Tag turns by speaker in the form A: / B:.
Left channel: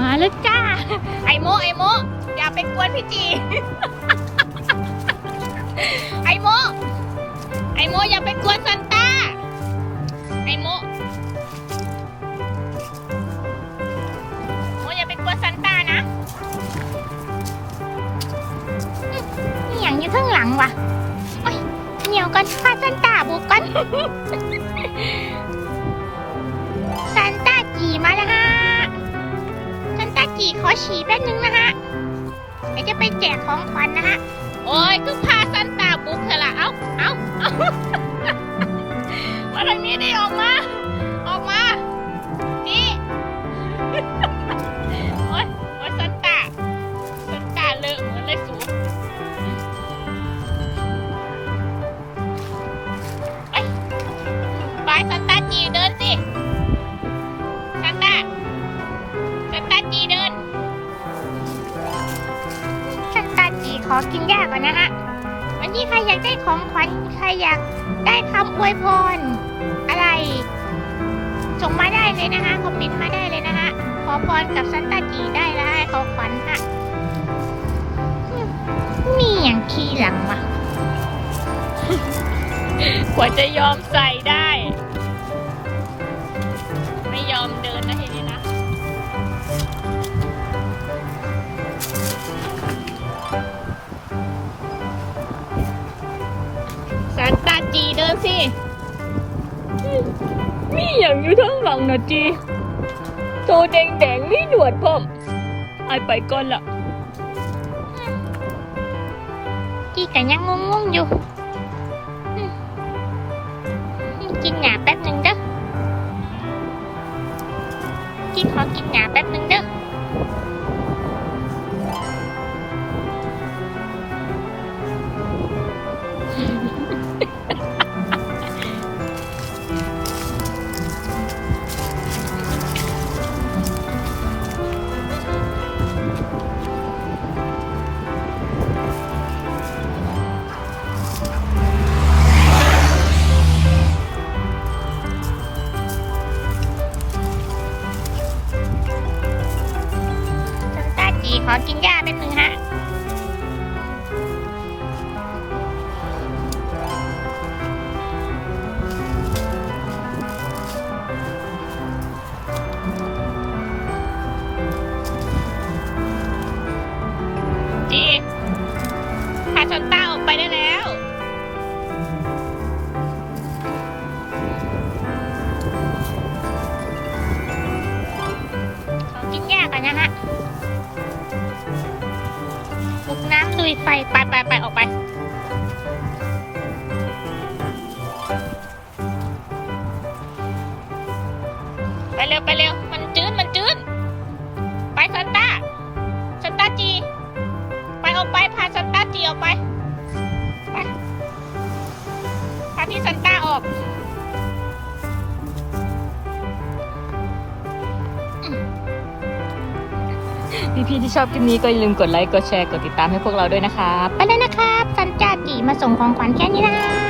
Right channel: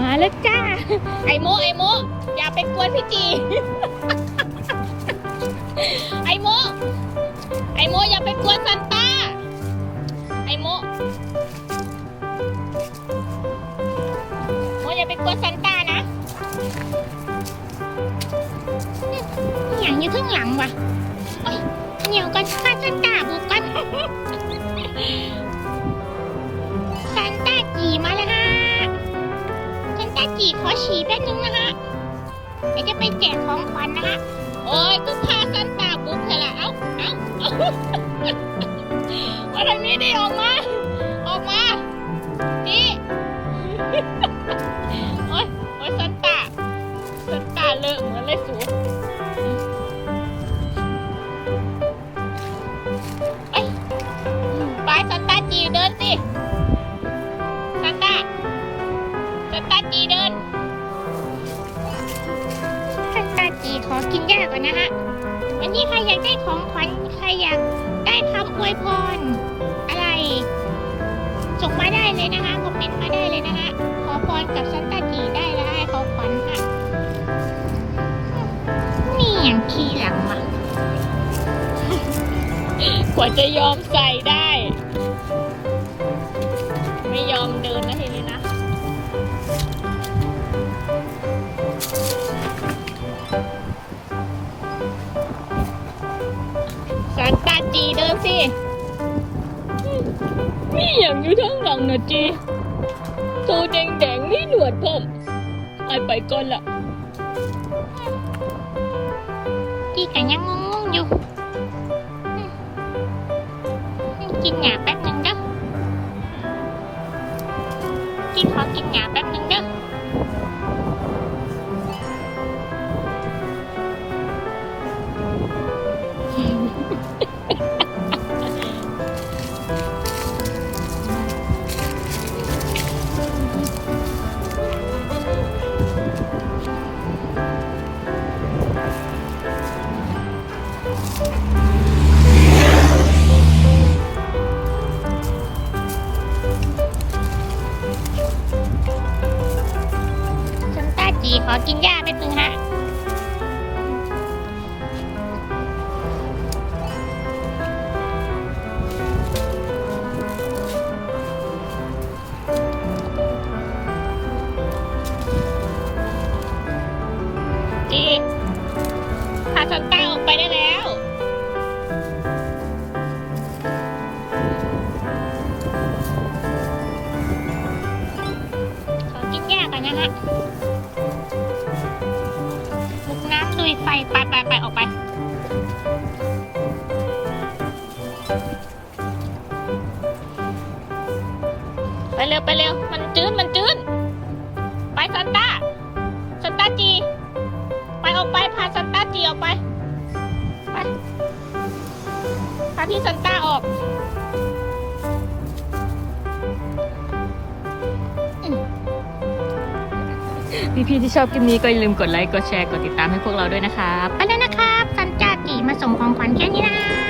A: มาแล้วจ้า
B: ไอโมไอโมอย่าไปกวนพี่จี ไอโมไอโมอย่าไปกวนซันต้า ไอโมโมอย่าไปกวนซันต้านะ
A: นี่อย่างอยู่ข้างหลังวะโอ๊ยเหนียวกันข้าซันตาบุกกัน ฉี่แป๊บนึงนะฮะเดี๋ยวจะไปแจกของขวัญนะฮะ
B: โอ้ยก็พาซันต้าบุกเถอะละเอ้าเอ้าเอ้ามาทางนี้ดิออกมา อกินห
A: ญ้าก่อนนะฮะวันนี้ใครอยากได้ของขวัญใครอยากได้คำอวยพร อะไร ส่งมาได้เลยนะคะคอมเมนต์มาได้เลยนะคะขอพรกับซันตาจีได้เลยของขวัญค่ะมีอย่างทีหลังมา
B: กว่าจะยอมใส่ได้ ซานตาจีเดินสิ
C: มีอย่างอยู่ทั้งหลังนะจีโตแดงแดงๆมีหนวดพ่อมไอายไปก่อนละ
A: จีกันยังงงๆอยู่อืมกินหยาแป๊บหนึ่งเด้อจีขอกินหยาแป๊บ กินหญ้าแป๊บนึงฮะ
B: จีพาซานต้าออกไปได้แล้ว
A: กินหญ้าก่อนนะฮะ
B: ไปเร็วไปเร็ว มันจืดมันจืดไปซานต้าซานต้าจี ไปออกไปพาซานต้าจีออกไปไปพาพี่ซานต้าออก
C: พี่ๆที่ชอบคลิปนี้ก็อย่าลืมกดไลค์ กดแชร์ กดติดตามให้พวกเราด้วยนะครับ
A: ไปแล้วนะครับซันจาจีมาส่งของขวัญแค่นี้นะ